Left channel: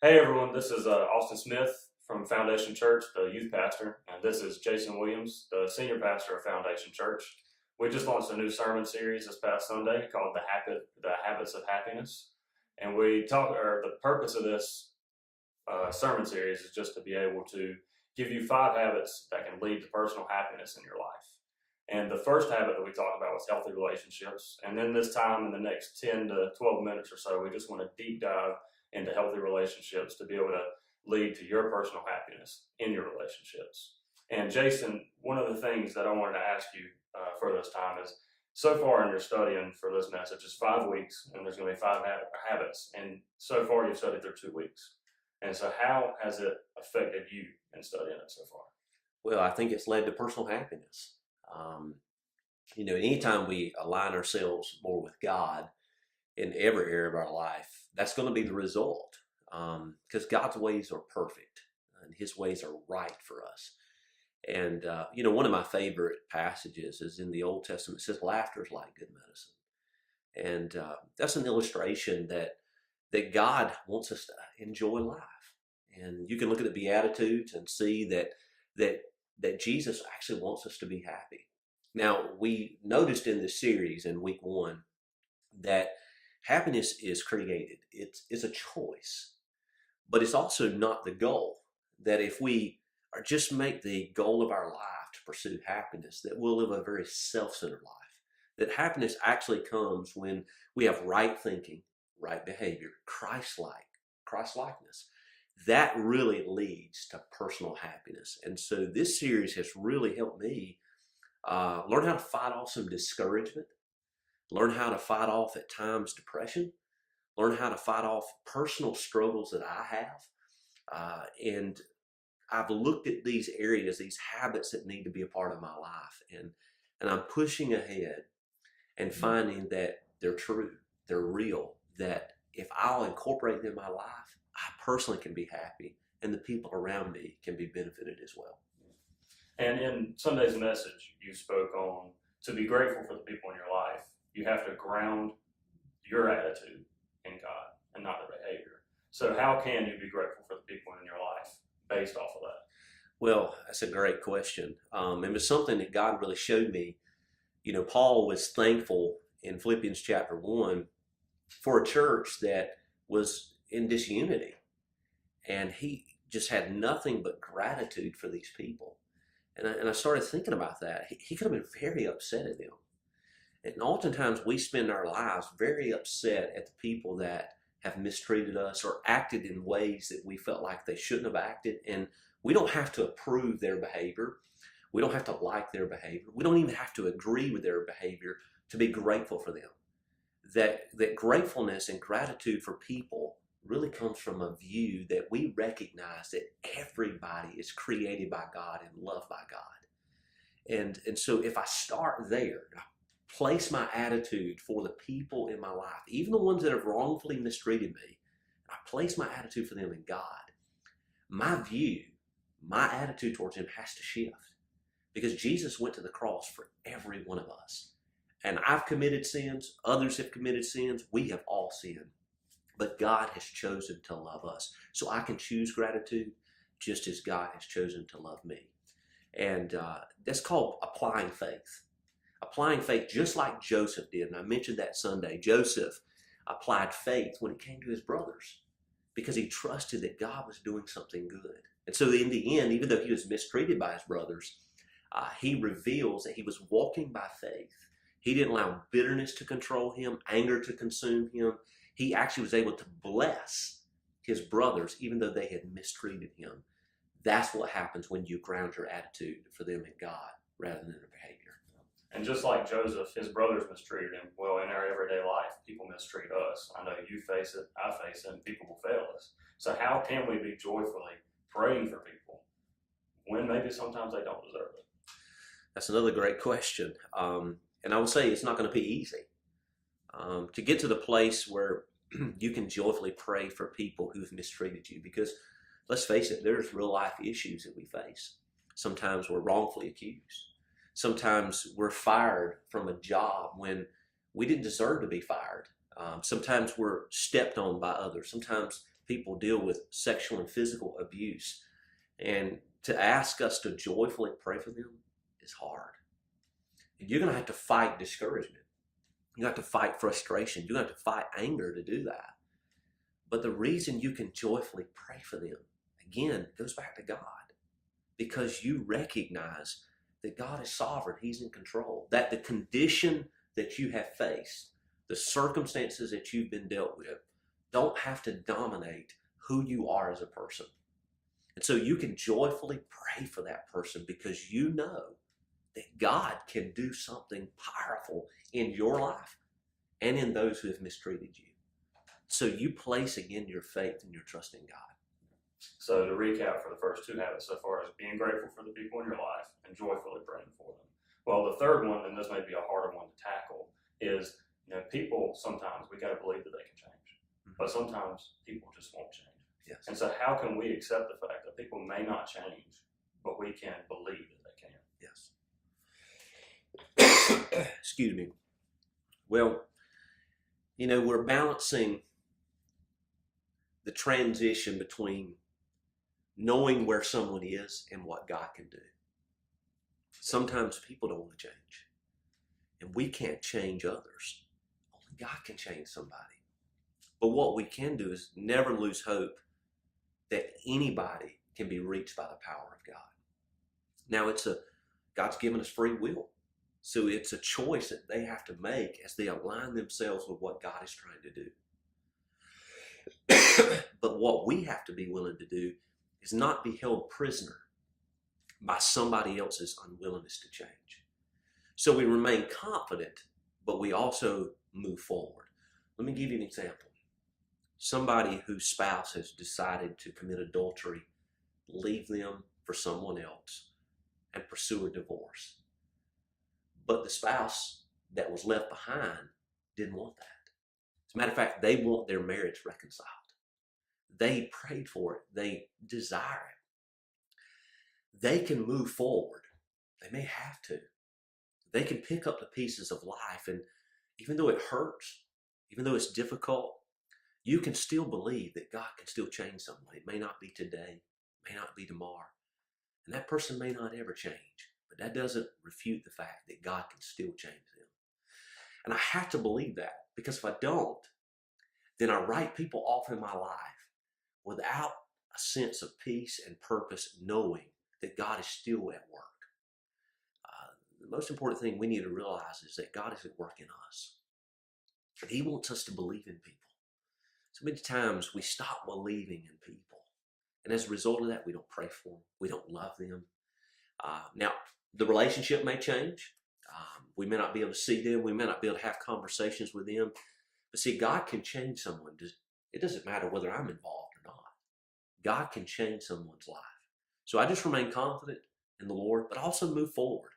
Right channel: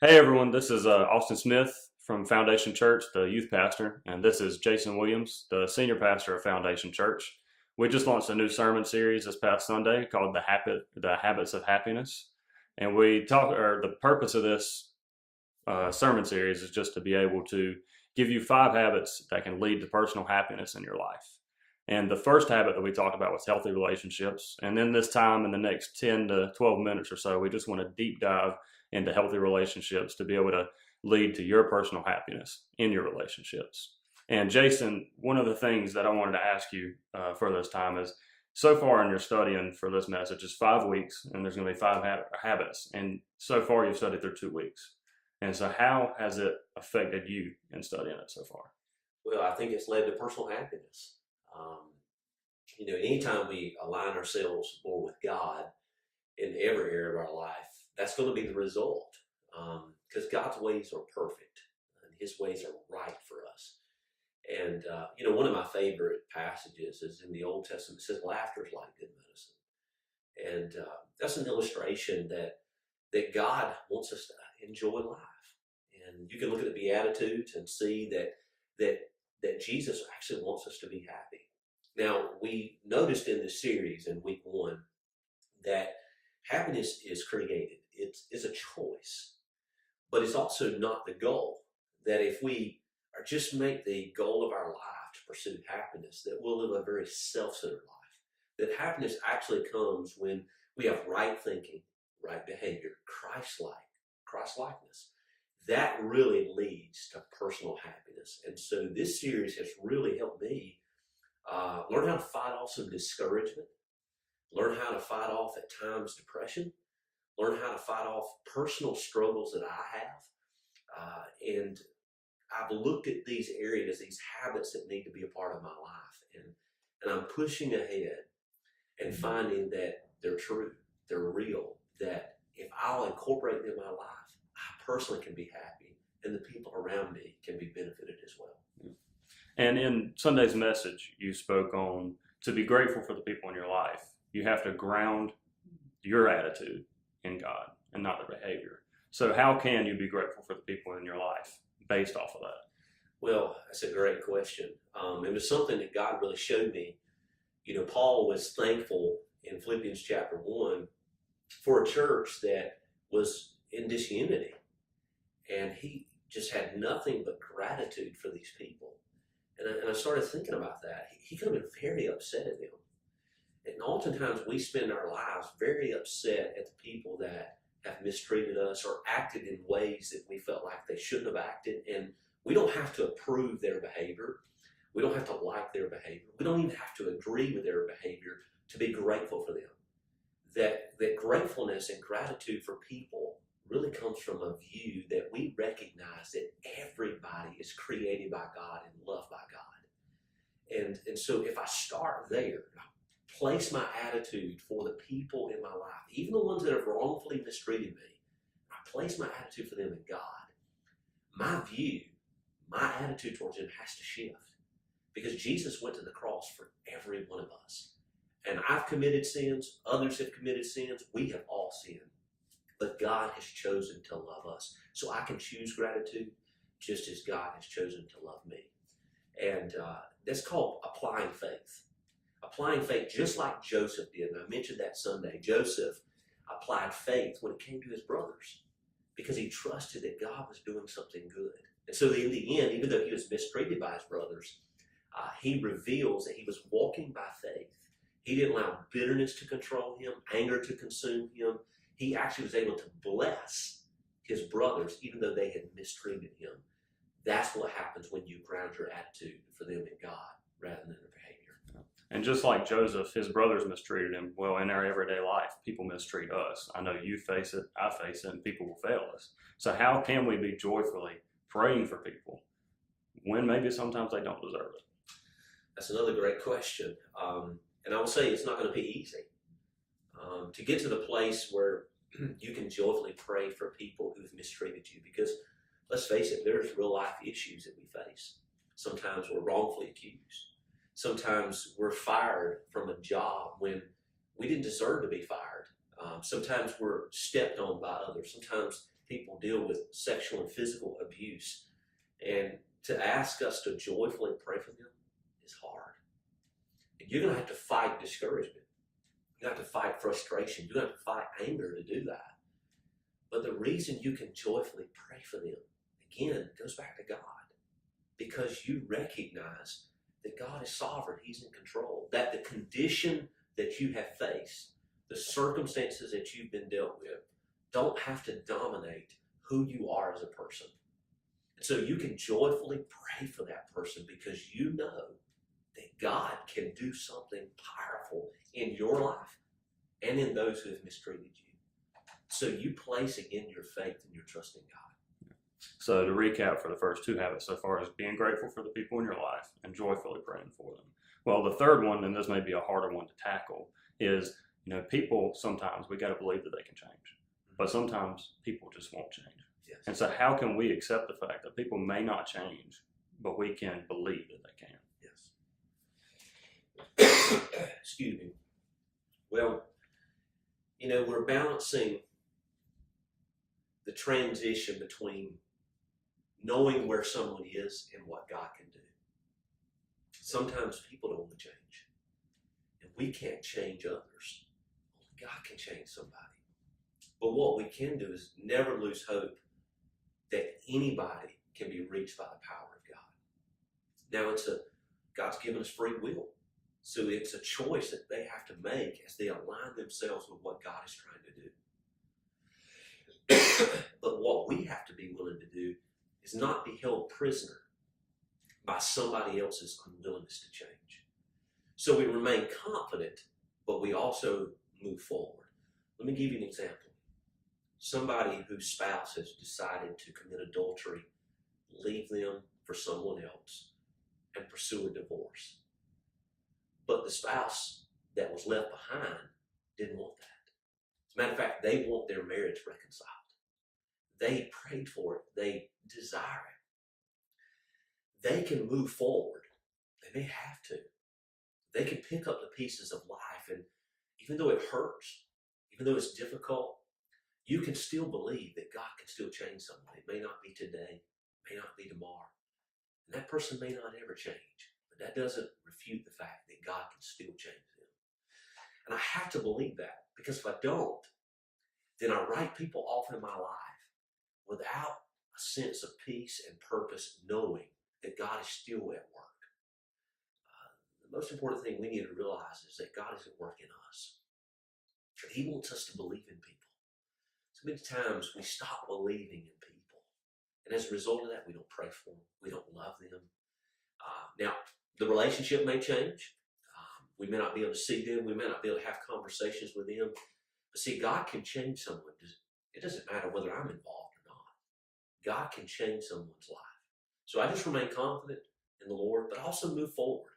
Hey everyone, this is Austin Smith from Foundation Church, the youth pastor, and this is Jason Williams, the senior pastor of Foundation Church. We just launched a new sermon series this past Sunday called The Habits of Happiness, and the purpose of this sermon series is just to be able to give you 5 habits that can lead to personal happiness in your life. And the first habit that we talked about was healthy relationships. And then this time in the next 10 to 12 minutes or so, we just want to deep dive into healthy relationships to be able to lead to your personal happiness in your relationships. And Jason, one of the things that I wanted to ask you for this time is, so far in your studying for this message is 5 weeks, and there's going to be habits. And so far you've studied through 2 weeks. And so how has it affected you in studying it so far? Well, I think it's led to personal happiness. Um, Anytime we align ourselves more with God in every area of our life, that's going to be the result. Because God's ways are perfect and His ways are right for us. And, one of my favorite passages is in the Old Testament. It says, laughter is like good medicine. And that's an illustration that God wants us to enjoy life. And you can look at the Beatitudes and see that Jesus actually wants us to be happy. Now, we noticed in this series in week 1 that happiness is created. It's a choice, but it's also not the goal. That if we are just make the goal of our life to pursue happiness, that we'll live a very self-centered life. That happiness actually comes when we have right thinking, right behavior, Christ-likeness. That really leads to personal happiness. And so this series has really helped me learn how to fight off some discouragement, learn how to fight off at times depression, learn how to fight off personal struggles that I have. And I've looked at these areas, these habits that need to be a part of my life. And I'm pushing ahead and finding that they're true, they're real, that if I'll incorporate them in my life, I personally can be happy and the people around me can be benefited as well. And in Sunday's message, you spoke on to be grateful for the people in your life, you have to ground your attitude in God and not their behavior. So, how can you be grateful for the people in your life based off of that? Well, that's a great question. It was something that God really showed me. Paul was thankful in Philippians chapter 1 for a church that was in disunity. And he just had nothing but gratitude for these people. And I started thinking about that. He could have been very upset at them. And oftentimes we spend our lives very upset at the people that have mistreated us or acted in ways that we felt like they shouldn't have acted. And we don't have to approve their behavior. We don't have to like their behavior. We don't even have to agree with their behavior to be grateful for them. That gratefulness and gratitude for people really comes from a view that we recognize that everybody is created by God and loved by God. And so if I start there, place my attitude for the people in my life, even the ones that have wrongfully mistreated me, I place my attitude for them in God, my view, my attitude towards them has to shift. Because Jesus went to the cross for every one of us. And I've committed sins, others have committed sins, we have all sinned. But God has chosen to love us. So I can choose gratitude just as God has chosen to love me. And that's called applying faith. Applying faith just like Joseph did. And I mentioned that Sunday. Joseph applied faith when it came to his brothers because he trusted that God was doing something good. And so in the end, even though he was mistreated by his brothers, he reveals that he was walking by faith. He didn't allow bitterness to control him, anger to consume him. He actually was able to bless his brothers even though they had mistreated him. That's what happens when you ground your attitude for them in God rather than their behavior. And just like Joseph, his brothers mistreated him. Well, in our everyday life, people mistreat us. I know you face it, I face it, and people will fail us. So how can we be joyfully praying for people when maybe sometimes they don't deserve it? That's another great question. And I would say it's not going to be easy. To get to the place where you can joyfully pray for people who've mistreated you, because let's face it, there's real life issues that we face. Sometimes we're wrongfully accused. Sometimes we're fired from a job when we didn't deserve to be fired. Sometimes we're stepped on by others. Sometimes people deal with sexual and physical abuse. And to ask us to joyfully pray for them is hard. And you're going to have to fight discouragement. You have to fight frustration. You have to fight anger to do that. But the reason you can joyfully pray for them, again, goes back to God. Because you recognize that God is sovereign. He's in control. That the condition that you have faced, the circumstances that you've been dealt with, don't have to dominate who you are as a person. And so you can joyfully pray for that person because you know that God can do something powerful in your life and in those who have mistreated you. So you place again your faith and your trust in God. So to recap for the first two habits so far is being grateful for the people in your life and joyfully praying for them. Well, the third one, and this may be a harder one to tackle, is, people sometimes we got to believe that they can change, but sometimes people just won't change. Yes. And so how can we accept the fact that people may not change, but we can believe that they can? Yes. Excuse me. Well, we're balancing the transition between knowing where someone is and what God can do. Sometimes people don't want to change, and we can't change others. Only God can change somebody. But what we can do is never lose hope that anybody can be reached by the power of God. Now, God's given us free will. So it's a choice that they have to make as they align themselves with what God is trying to do. But what we have to be willing to do is not be held prisoner by somebody else's unwillingness to change. So we remain confident, but we also move forward. Let me give you an example. Somebody whose spouse has decided to commit adultery, leave them for someone else, and pursue a divorce. But the spouse that was left behind didn't want that. As a matter of fact, they want their marriage reconciled. They prayed for it. They desire it. They can move forward. They may have to. They can pick up the pieces of life, and even though it hurts, even though it's difficult, you can still believe that God can still change someone. It may not be today, it may not be tomorrow, and that person may not ever change. But that doesn't refute the fact that God can still change them. And I have to believe that, because if I don't, then I write people off in my life without a sense of peace and purpose, knowing that God is still at work. The most important thing we need to realize is that God is at work in us. He wants us to believe in people. So many times we stop believing in people. And as a result of that, we don't pray for them. We don't love them. Now, the relationship may change. We may not be able to see them. We may not be able to have conversations with them. But see, God can change someone. It doesn't matter whether I'm involved or not. God can change someone's life. So I just remain confident in the Lord, but also move forward.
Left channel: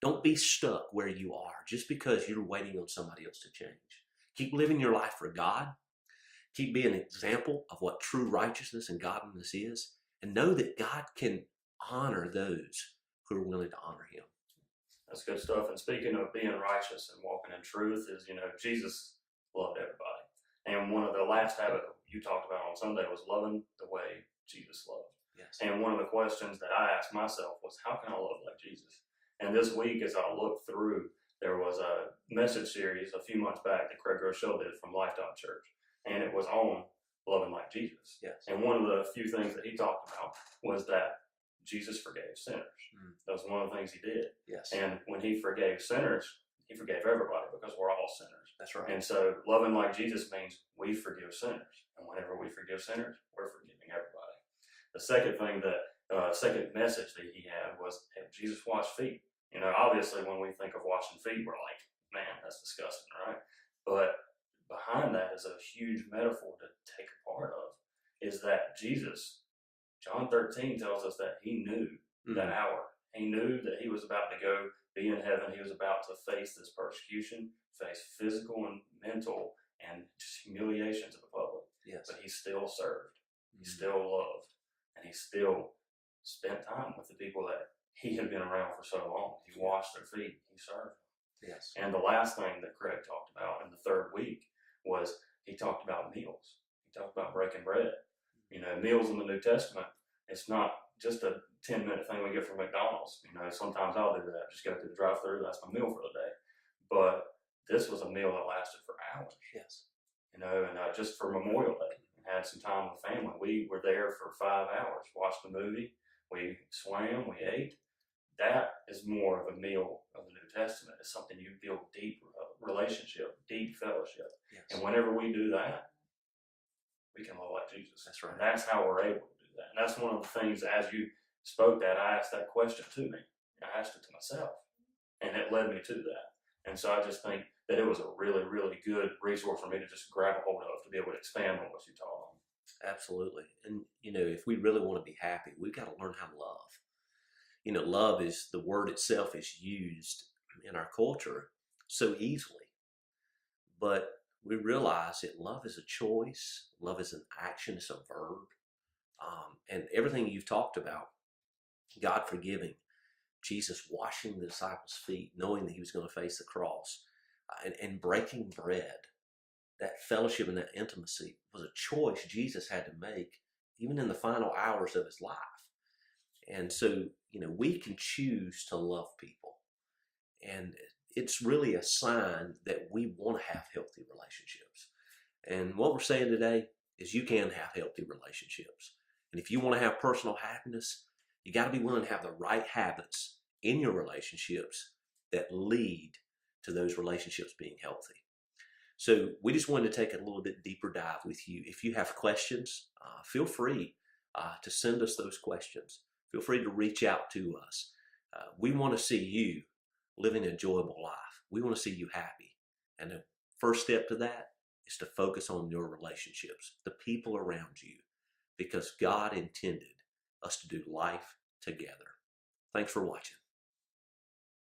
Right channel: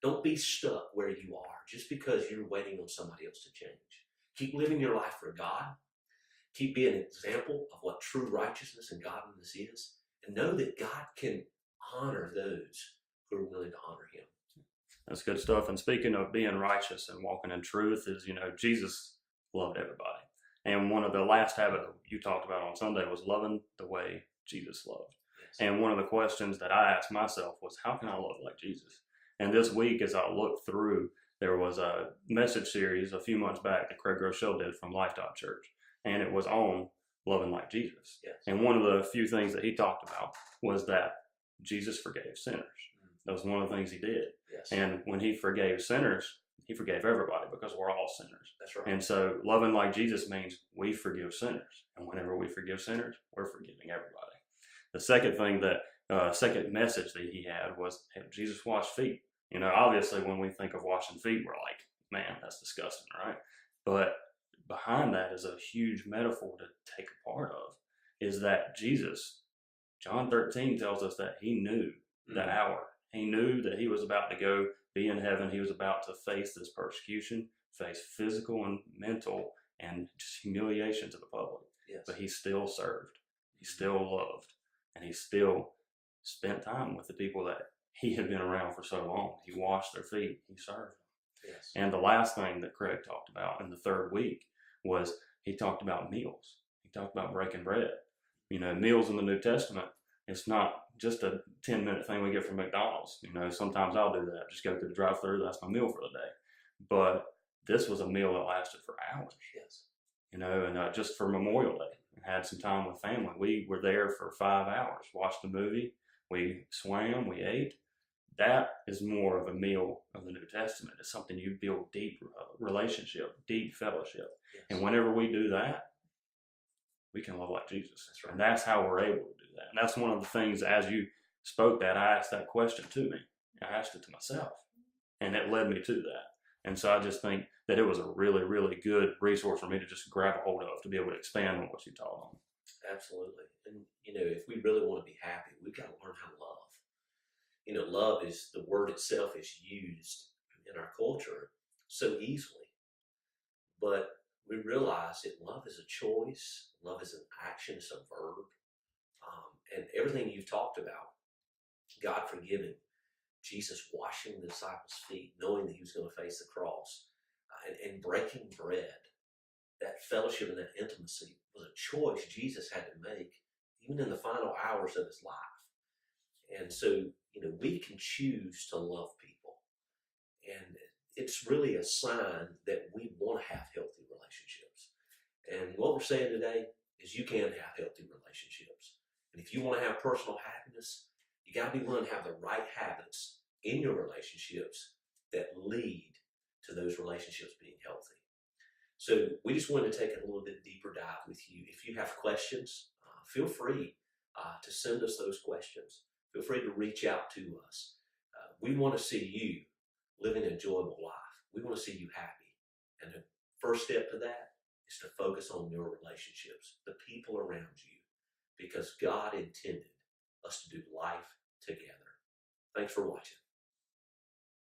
Don't be stuck where you are just because you're waiting on somebody else to change. Keep living your life for God. Keep being an example of what true righteousness and godliness is. And know that God can honor those who are willing to honor Him. That's good stuff. And speaking of being righteous and walking in truth is, Jesus loved everybody. And one of the last habits you talked about on Sunday was loving the way Jesus loved. Yes. And one of the questions that I asked myself was, how can I love like Jesus? And this week, as I looked through, there was a message series a few months back that Craig Groeschel did from Lifetime Church. And it was on loving like Jesus. Yes. And one of the few things that he talked about was that Jesus forgave sinners. That was one of the things he did. Yes. And when he forgave sinners, he forgave everybody because we're all sinners. That's right. And so loving like Jesus means we forgive sinners. And whenever we forgive sinners, we're forgiving everybody. The second thing second message that he had was, hey, Jesus washed feet. Obviously when we think of washing feet, we're like, man, that's disgusting, right? But behind that is a huge metaphor to take a part of, is that Jesus, John 13 tells us that he knew the hour. He knew that he was about to go be in heaven. He was about to face this persecution, face physical and mental and just humiliation to the public. Yes. But he still served. He still loved. And he still spent time with the people that he had been around for so long. He washed their feet. He served them. Yes. And the last thing that Craig talked about in the third week was he talked about meals. He You talk about breaking bread. You know, meals in the New Testament, it's not just a 10-minute thing we get from McDonald's. You know, sometimes I'll do that. Just go through the drive-thru. That's my meal for the day. But this was a meal that lasted for hours. Yes. You know, and just for Memorial Day, had some time with family. We were there for 5 hours, watched the movie, we swam, we ate. That is more of a meal of the New Testament. It's something you build deep relationship, deep fellowship. Yes. And whenever we do that, we can love like Jesus. That's right. And that's how we're able to do that. And that's one of the things, as you spoke that, I asked that question to me. I asked it to myself. And it led me to that. And so I just think that it was a really, really good resource for me to just grab a hold of, to be able to expand on what you taught on. Absolutely. And, you know, if we really want to be happy, we've got to learn how to love. You know, love is, the word itself is used in our culture so easily. But we realize that love is a choice. Love is an action. It's a verb. And everything you've talked about, God forgiving, Jesus washing the disciples' feet, knowing that he was going to face the cross, and breaking bread, that fellowship and that intimacy was a choice Jesus had to make, even in the final hours of his life. And so, you know, we can choose to love people. And it's really a sign that we want to have healthy relationships. And what we're saying today is you can have healthy relationships. And if you want to have personal happiness, you got to be willing to have the right habits in your relationships that lead to those relationships being healthy. So we just wanted to take a little bit deeper dive with you. If you have questions, feel free to send us those questions. Feel free to reach out to us. We want to see you living an enjoyable life. We want to see you happy. And the first step to that is to focus on your relationships, the people around you, because God intended us to do life together. Thanks for watching.